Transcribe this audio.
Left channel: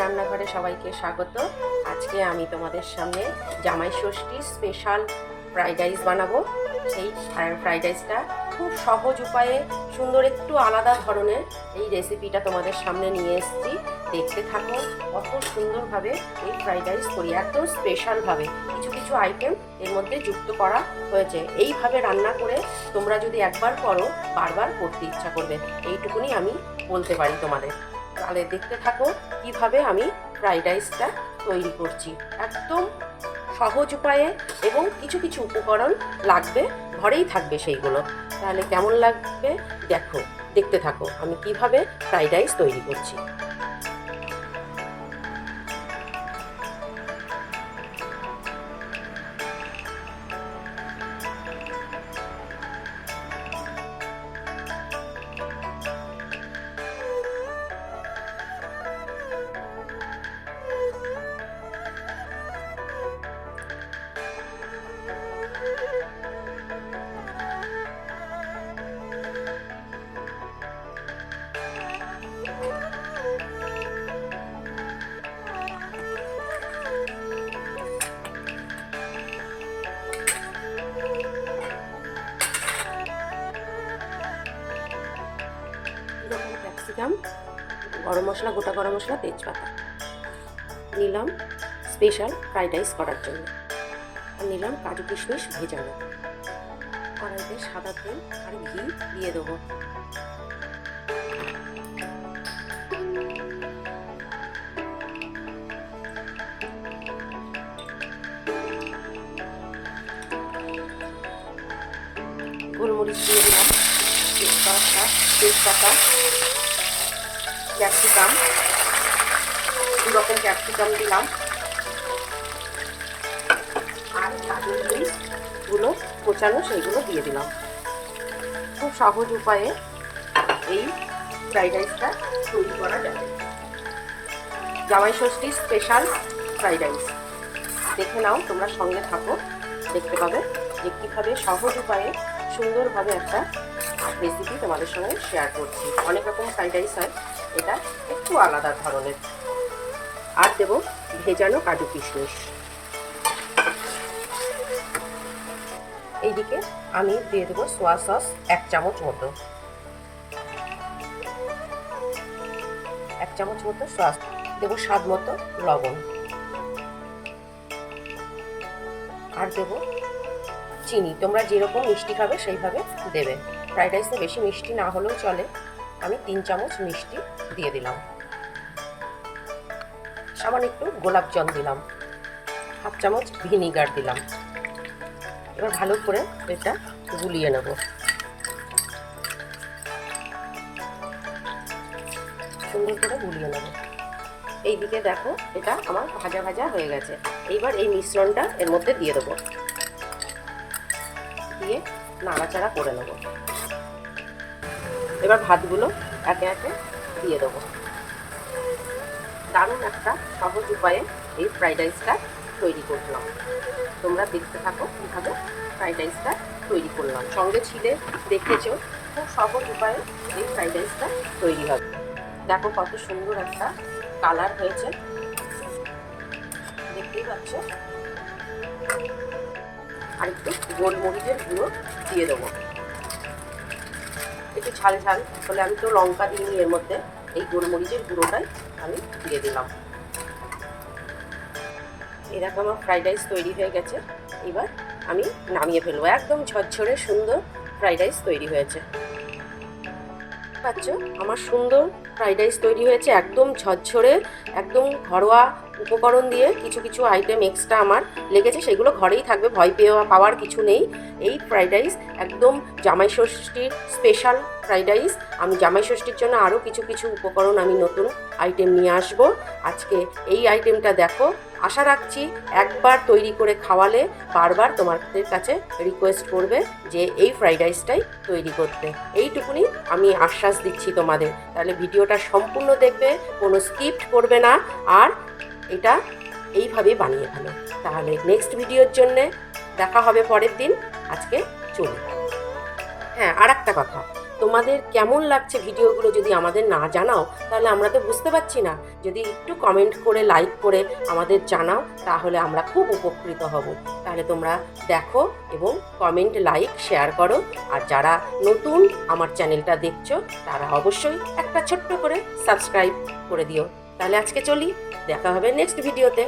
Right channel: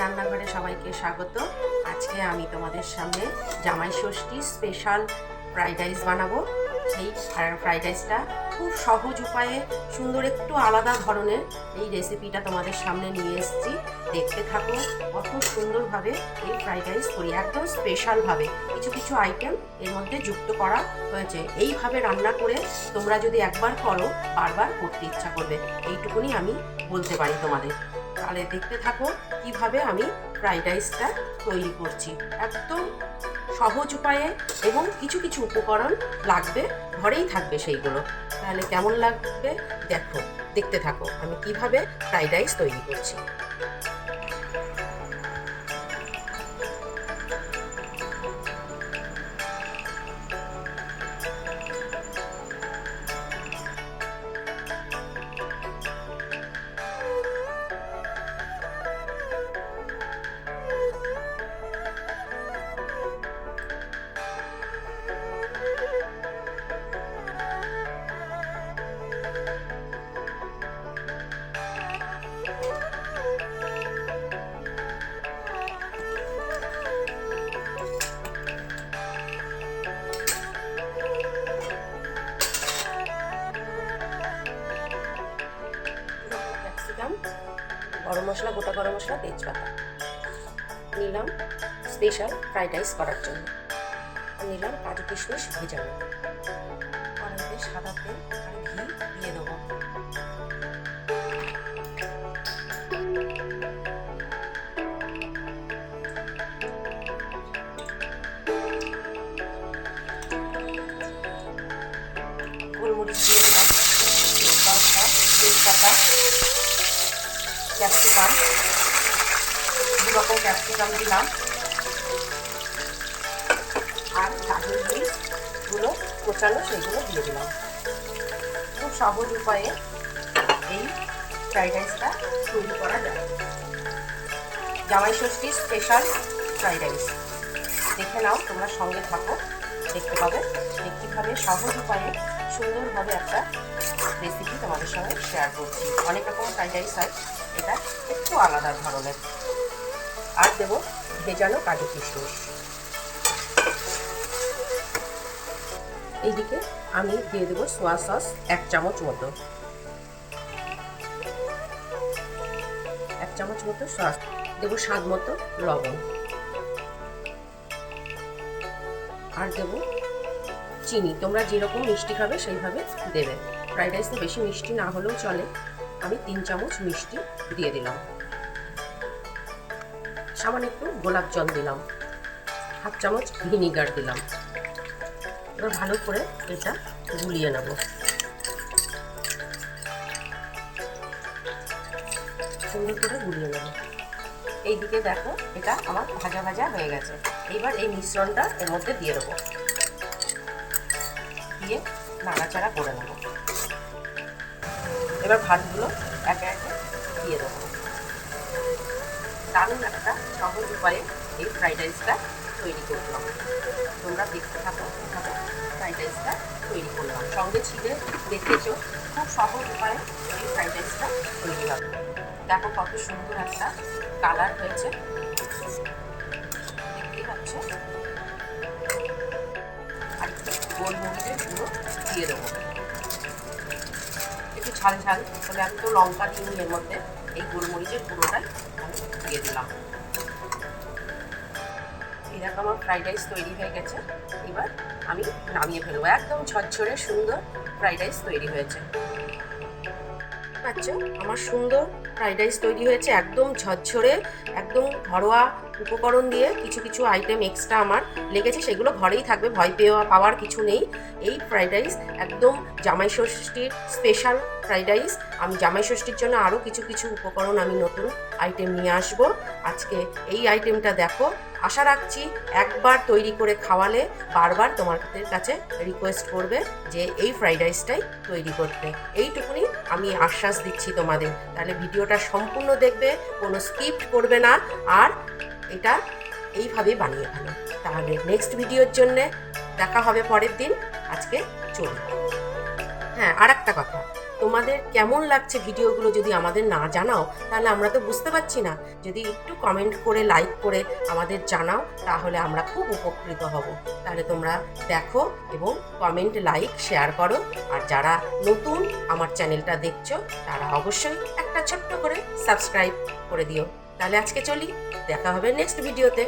রান্নাঘরে সবাইকে স্বাগত। আজকে আমি তোমাদের সামনে জামাই ষষ্ঠী স্পেশাল ফ্রাইড রাইস বানাবো। এই ফ্রাইড রাইসটা খুব সহজ উপায়ে সুন্দর একটু আলাদা ধরনের এই রেসিপিটা তোমাদের সামনে নিয়ে এসেছি। দেখতে থাকো কত সুন্দরভাবে এই ফ্রাইড রাইস করি, একদম স্পেশালভাবে কিছু কিছু আইটেম এর মধ্যে যুক্ত করা হয়েছে। এইভাবে রান্না করে তোমরা যদি একবার করো বারবার করতে ইচ্ছা করবে, এইটুকুনি আমি বলতে পারি তোমাদের। তাহলে দেখতে থাকো কিভাবে আমি ফ্রাইড রাইসটা তৈরি করছি, একদম সহজ উপায়ে এবং কিছু কিছু উপকরণ লাগবে, ঘরেই থাকবে সেইগুলো। তাহলে কেমন লাগবে দেখো, দেখতে থাকো আমি কিভাবে ফ্রাইড রাইস তৈরি করছি। ক্যাপসিকাম, গরম মশলা, গোটা গরম মশলা, তেজপাতা নিলাম স্পেশাল ফ্রাইড রাইস করার জন্য। আর নিলাম কাজু কিশমিশ ভেজানো। কড়াইতে সাদা তেল আর ঘি দিয়ে দেবো। গোলমরিচ দিয়ে দিলাম, তেজপাতা, ক্যাপসিকাম, দু রকম ক্যাপসিকাম দিলাম, আর কাজুর বীজগুলো কোচানো সেইগুলো দিয়ে দিলাম। খুব সহজ উপায়ে এই ফ্রাইড রাইসটা তৈরি করা যায়। জামাই ষষ্ঠীর স্পেশাল ফ্রাইড রাইস দেখে নাও, তোমরা সঙ্গে থাকো, দেখতে পাবে যে কীভাবে সহজ উপায়ে সুন্দরভাবে একটা রেসিপি তোমাদের সঙ্গে শেয়ার করছি। অনেক রকম ফ্রাইড রাইস হয়, এটা একটু আলাদা ধরনের। আর দেব ভেজানো কাজু কিশমিশ। এইদিকে আমি দিয়ে দেবো সোয়া সস 1 চামচ মতো, 1 চামচ মতো সস দেবো, স্বাদ মতো লবণ, আর দেবো চিনি। তোমরা যেরকম মিষ্টি খাবে সেইভাবে দেবে। ফ্রাইড রাইসে বেশি মিষ্টি না হলেও চলে, আমি 3 চামচ মিষ্টি দিয়ে দিলাম। সামান্য একটু গোলাপ জল দিলাম, 1/2 চামচ ভিনিগার দিলাম। এবার ভালো করে এটা গুলিয়ে নেব। সুন্দর করে গুলিয়ে নেব। এইদিকে দেখো এটা আমার ভাজা ভাজা হয়ে গেছে। এইবার এই মিশ্রণটা এর মধ্যে দিয়ে দেবো, দিয়ে নাড়াচাড়া করে নেব। এবার ভাতগুলো একে একে দিয়ে দেবো। দারুণ একটা সহজ উপায়ে এই ফ্রাইড রাইসটা তৈরি করলাম। তোমরা দেখতে থাকো কীভাবে ফ্রাইড রাইসটা তৈরি করলাম। সঙ্গে ছিলে দেখেছো, খুব সহজ উপায়ে এই ফ্রাইড রাইসটা তৈরি হবে। দেখো কত সুন্দর একটা কালার হয়েছে, দেখতেই পাচ্ছ। আর একটু গোলমরিচের গুঁড়ো দিয়ে দেবো, একটু ঝাল ঝাল হলে। আমি তো লঙ্কা দিইনি এর মধ্যে, এই গোলমরিচের গুঁড়োটাই আমি দিয়ে দিলাম। এরকম আমার ফ্রাইড রাইস তৈরি হয়ে গেছে। এবার আমি নামিয়ে ফেলবো। একদম ঝরঝরে সুন্দর ফ্রাইড রাইস তৈরি হয়েছে। পাচ্ছ আমার সুন্দর ফ্রাইড রাইস তৈরি হয়েছে, একদম ঝরঝরে, একদম ঘরোয়া উপকরণ দিয়ে। কিছু কিছু আইটেম এক্সট্রা আমার লেগেছে, সেগুলো ঘরেই থাকবে, ভয় পাওয়ার কিছু নেই। এই ফ্রাইড রাইস একদম জামাই ষষ্ঠীর স্পেশাল ফ্রাইড রাইস। আমি জামাই ষষ্ঠীর জন্য আরও কিছু কিছু উপকরণ আমি নতুন আইটেম নিয়ে আসব। আজকে এই আইটেমটা দেখো, আশা রাখছি একবার তৈরি করে খাওয়ালে বারবার তোমাদের কাছে রিকোয়েস্ট করবে যে এই ফ্রাইড রাইসটাই তৈরি করতে। এইটুকুনি আমি আশ্বাস দিচ্ছি তোমাদের। তাহলে ভিডিওটা সম্পূর্ণ দেখবে, কোনো স্কিপ করবে না, আর এটা এইভাবে বানিয়ে ফেলো। তাহলে নেক্সট ভিডিওর জন্যে দেখা হবে পরের দিন। আজকে চলুন। হ্যাঁ, আর একটা কথা, তোমাদের কেমন লাগছে ভিডিওগুলো যদি আমাদের না জানাও তাহলে আমরা তো বুঝতে পারছি না। যদি একটু কমেন্ট করে লাইক করে আমাদের জানাও তাহলে আমরা খুব উপকৃত হব। তাহলে তোমরা দেখো এবং কমেন্ট লাইক শেয়ার করো। আর যারা নতুন আমার চ্যানেলটা দেখছো তারা অবশ্যই একটা ছোট্ট করে সাবস্ক্রাইব করে দিও। তাহলে আজকে চলি, দেখা হবে নেক্সট ভিডিওতে।